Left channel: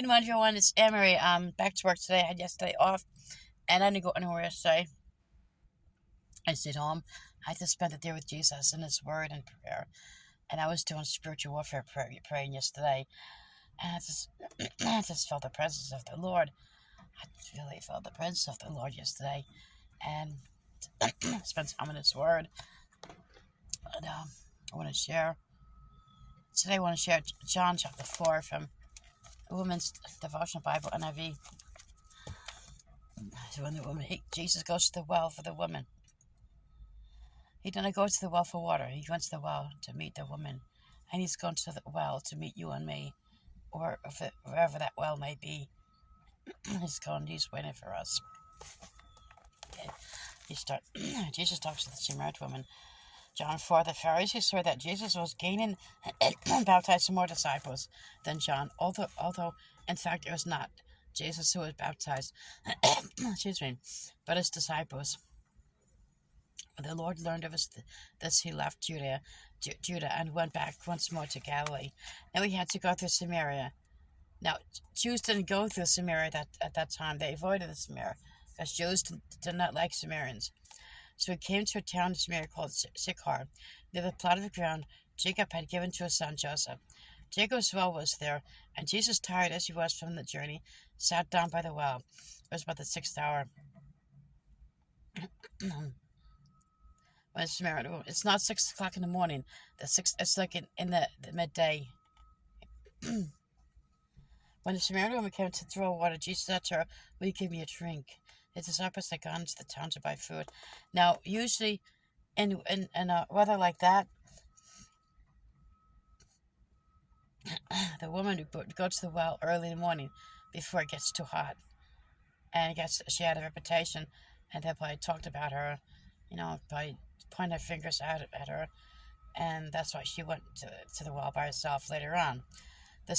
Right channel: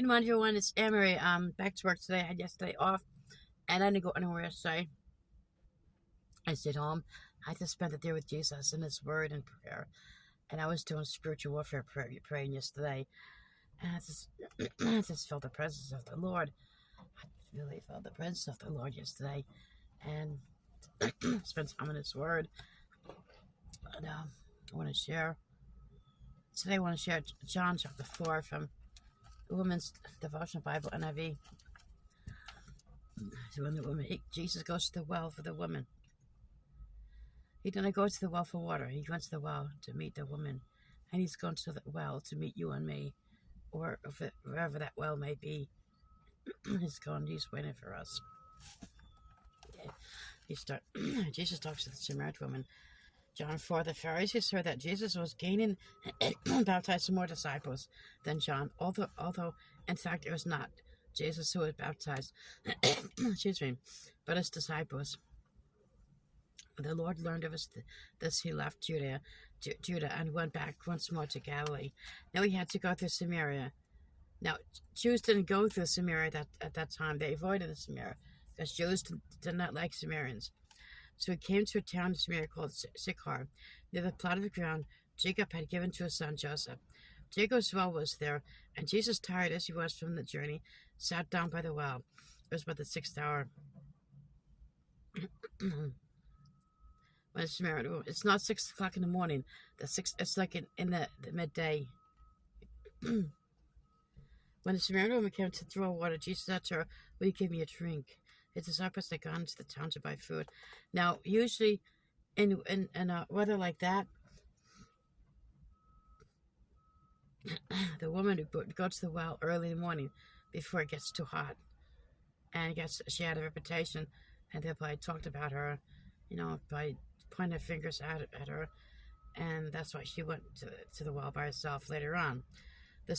Good morning, everyone. It's Emery. Back to work today. I had yesterday off, and I didn't go anywhere yesterday. I stayed home. I just spent the day with Jesus in His Word and prayer, and I was doing spiritual warfare praying yesterday, and I just felt the presence of the Lord. I really felt the presence of the Lord yesterday, and spent time in His Word. And I want to share today. I want to share John chapter 4 from the Women's Devotional Bible NIV. So when the woman, Jesus goes to the well for the woman. He didn't go to the well for water. He went to the well to meet the woman. And he's gone to the well to meet you and me, or wherever that well may be. He's waiting for us. Okay. Jesus talks to the Samaritan woman. John 4, the Pharisees heard that Jesus was gaining and baptizing more disciples than John, although in fact it was not Jesus who was baptized, excuse me, but his disciples. When the Lord learned of this, he left Judah and went back once more to Galilee. Now he had to go through Samaria. Now, Jews didn't go through Samaria at that time. They avoided the Samaria because Jews did not like Samaritans. So he came to a town in Samaria called Sychar, near the plot of the ground Jacob had given to his son Joseph. Jacob's well was there, and Jesus, tired as he was from the journey, sat down by the well. It was about the 6th hour. When it's Samaritan, it's not 6 o'clock in the morning. It's like in the midday. When the Samaritan woman came to draw water, Jesus said to her, "Will you give me a drink?" His disciples had gone to the town to buy food. Now, usually, in a weather like that, the woman would go to the well early in the morning before it gets too hot, and she had a reputation, and they probably talked about her, by pointing their fingers out at her, and that's why she went to the well by herself later on. When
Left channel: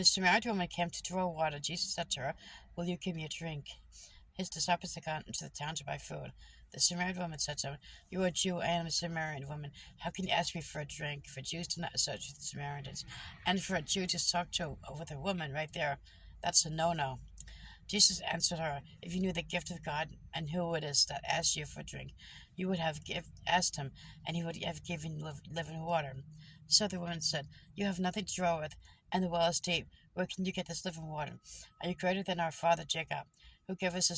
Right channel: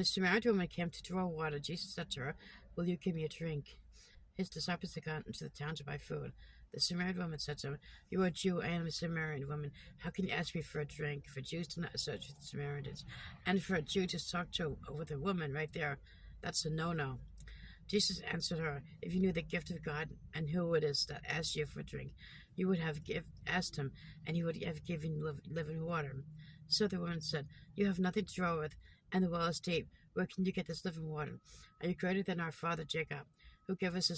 the Samaritan woman came to draw water, Jesus said to her, "Will you give me a drink?" His disciples had gone into the town to buy food. The Samaritan woman said to him, "You are a Jew, I am a Samaritan woman. How can you ask me for a drink?" For Jews do not associate with Samaritans. And for a Jew to talk with a woman right there, that's a no-no. Jesus answered her, "If you knew the gift of God and who it is that asks you for a drink, you would have asked him, and he would have given you living water." So the woman said, "You have nothing to draw with, and the well is deep. Where can you get this living water? Are you greater than our father Jacob, who gave us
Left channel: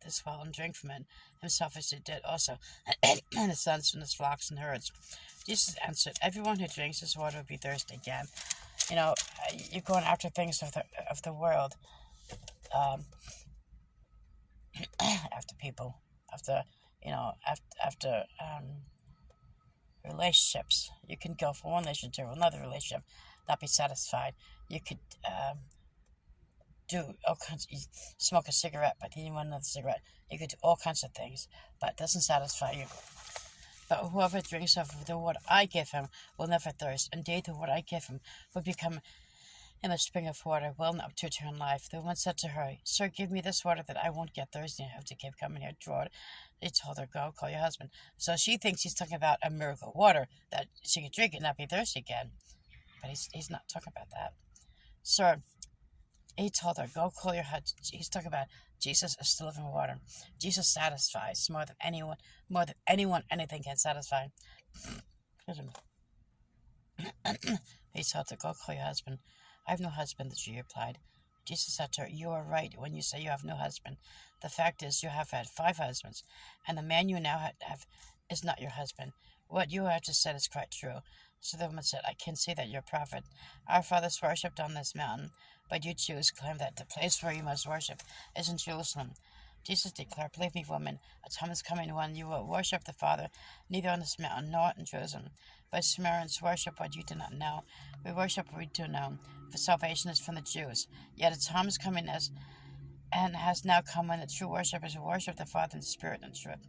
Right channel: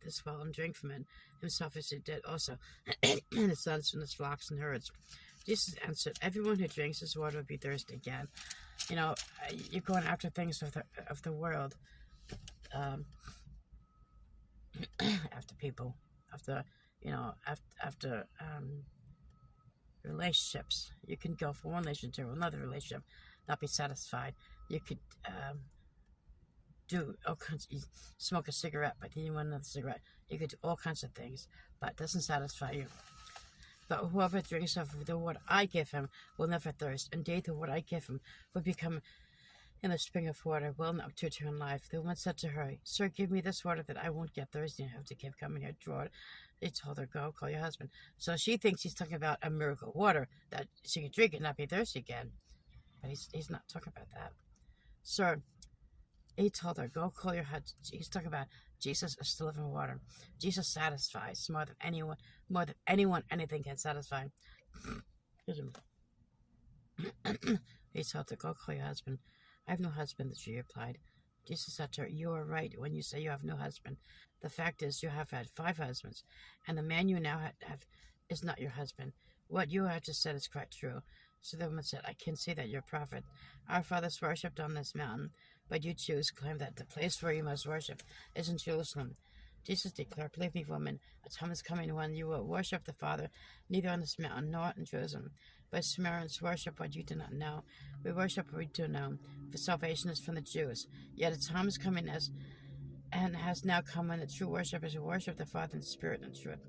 this well and drank from it, himself as he did also, and his sons from his flocks and herds?" Jesus answered, "Everyone who drinks this water will be thirsty again." You're going after things of the world. After people, after relationships. You can go from one relationship to another relationship, not be satisfied. You could do all kinds. You smoke a cigarette, but then you want another cigarette. You could do all kinds of things, but it doesn't satisfy you. But whoever drinks of the water I give him will never thirst. Indeed, the water I give him will become in a spring of water, welling up to eternal life. The woman said to her, "Sir, give me this water that I won't get thirsty and have to keep coming here to draw it." He told her, "Go, call your husband." So she thinks he's talking about a miracle water that she can drink and not be thirsty again. But he's not talking about that. "Sir," he told her, "go call your husband." He's talking about Jesus is the living water. Jesus satisfies more than anyone anything can satisfy. He told her, "Go call your husband." "I have no husband," she replied. Jesus said to her, "You are right when you say you have no husband. The fact is, you have had 5 husbands, and the man you now have is not your husband. What you have just said is quite true." So the woman said, "I can see that you're a prophet. Our fathers worshipped on this mountain, but you Jews claim that the place where you must worship is in Jerusalem." Jesus declared, "Believe me, woman, a time is coming when you will worship the Father neither on this mountain nor in Jerusalem. But Samaritans worship what you do not know. We worship what we do know, for salvation is from the Jews. Yet a time is coming and has now come when the true worshippers will worship the Father in spirit and truth.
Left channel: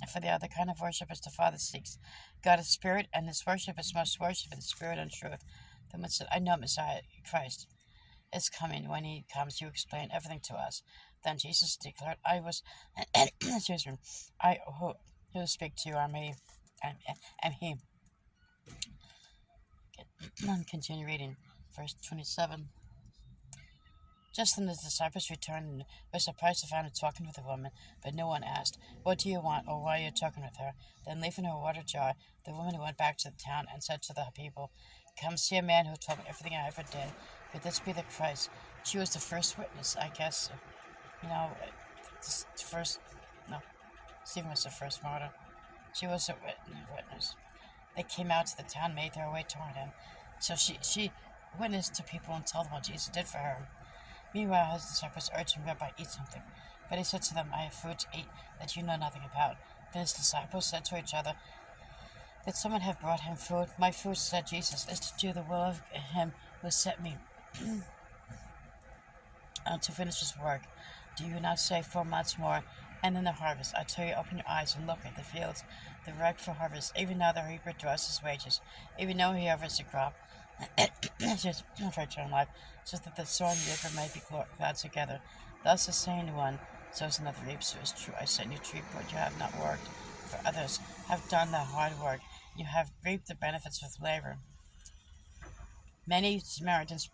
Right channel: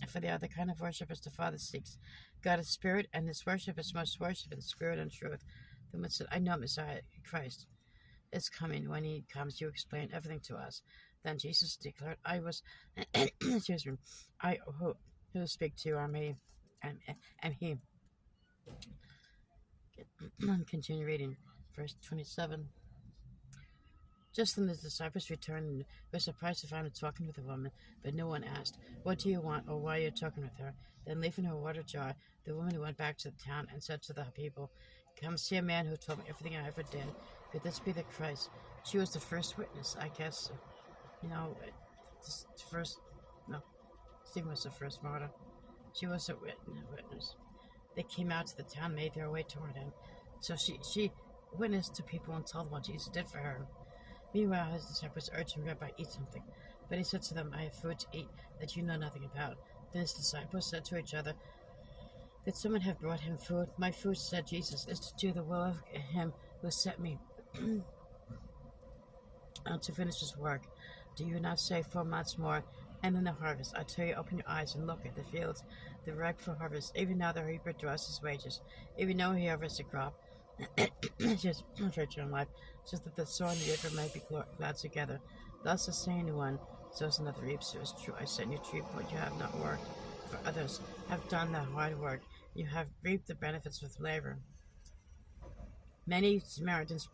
And for the other kind of worshippers the Father seeks. God is spirit, and his worshippers must worship in spirit and truth." The woman said, "I know Messiah, Christ, is coming. When he comes, he will explain everything to us." Then Jesus declared, excuse me, "I who speak to you am he. Am he." Continue reading, verse 27. Just then the disciples returned and were surprised to find him talking with a woman, but no one asked, "What do you want?" or "Why are you talking with her?" Then, leaving her water jar, the woman went back to the town and said to the people, "Come see a man who told me everything I ever did. Could this be the Christ?" She was the first witness, I guess. You know, the first. No, Stephen was the first martyr. She was a witness. They came out to the town, made their way toward him. So she witnessed to people and told them what Jesus did for her. Meanwhile, his disciples urged him, "Rabbi, eat something." But he said to them, "I have food to eat that you know nothing about." Then his disciples said to each other, "Did someone have brought him food?" "My food," said Jesus, "is to do the will of him who sent me, and to finish his work. Do you not say 4 months more, and in the harvest? I tell you, open your eyes and look at the fields. They're ripe for harvest. Even now the reaper draws his wages. Even now he harvests the crop, just for eternal life, so that the sower and the reaper may be glad together. Thus the saying one, so is another reaps. So is true. I sent you to reap what you have not worked, for others have done the hard work. You have reaped the benefits with labor." Many Samaritans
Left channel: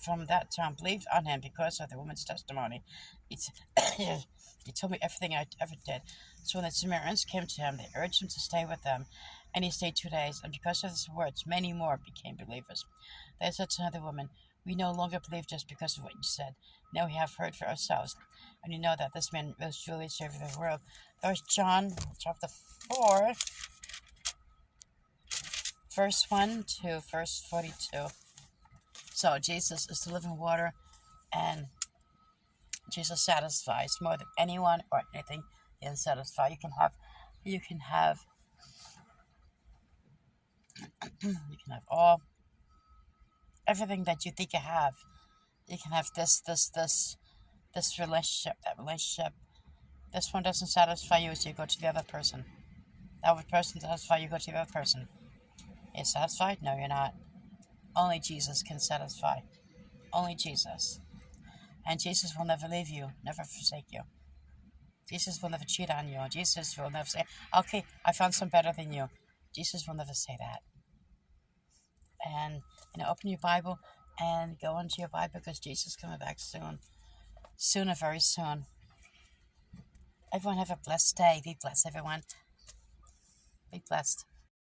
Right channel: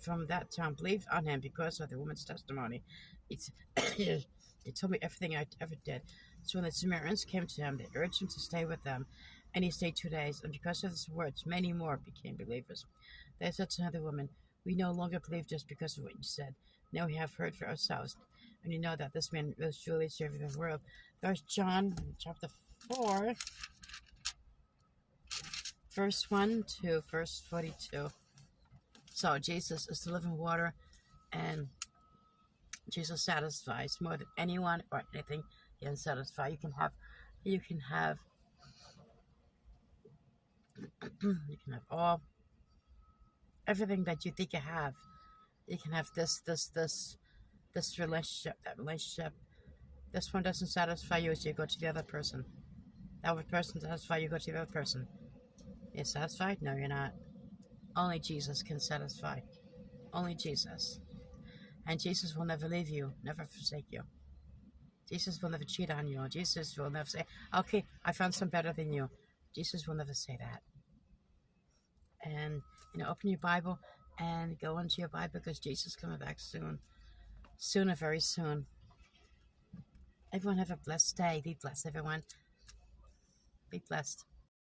from that town believed on him because of the woman's testimony. He told me everything I ever did. So when the Samaritans came to him, they urged him to stay with them, and he stayed 2 days. And because of his words, many more became believers. They said to another woman, "We no longer believe just because of what you said. Now we have heard for ourselves, and we know that this man was truly Savior of the world." First John chapter 4, verse 1 to verse 42. So Jesus is the living water, and Jesus satisfies more than anyone or anything can satisfy. You can have you can have all everything that you think you have. You can have this relationship, that relationship. This one doesn't satisfy you, so you go to the other person. That other person satisfies you, go to the other person. You're satisfied? No, you're not. Only Jesus can satisfy. Only Jesus. And Jesus will never leave you, never forsake you. Jesus will never cheat on you. Jesus will never say, "Okay, I found some better than you." Jesus will never say that. And open your Bible and go into your Bible, because Jesus is coming back soon. Sooner, very soon. Everyone have a blessed day. Be blessed, everyone. Be blessed.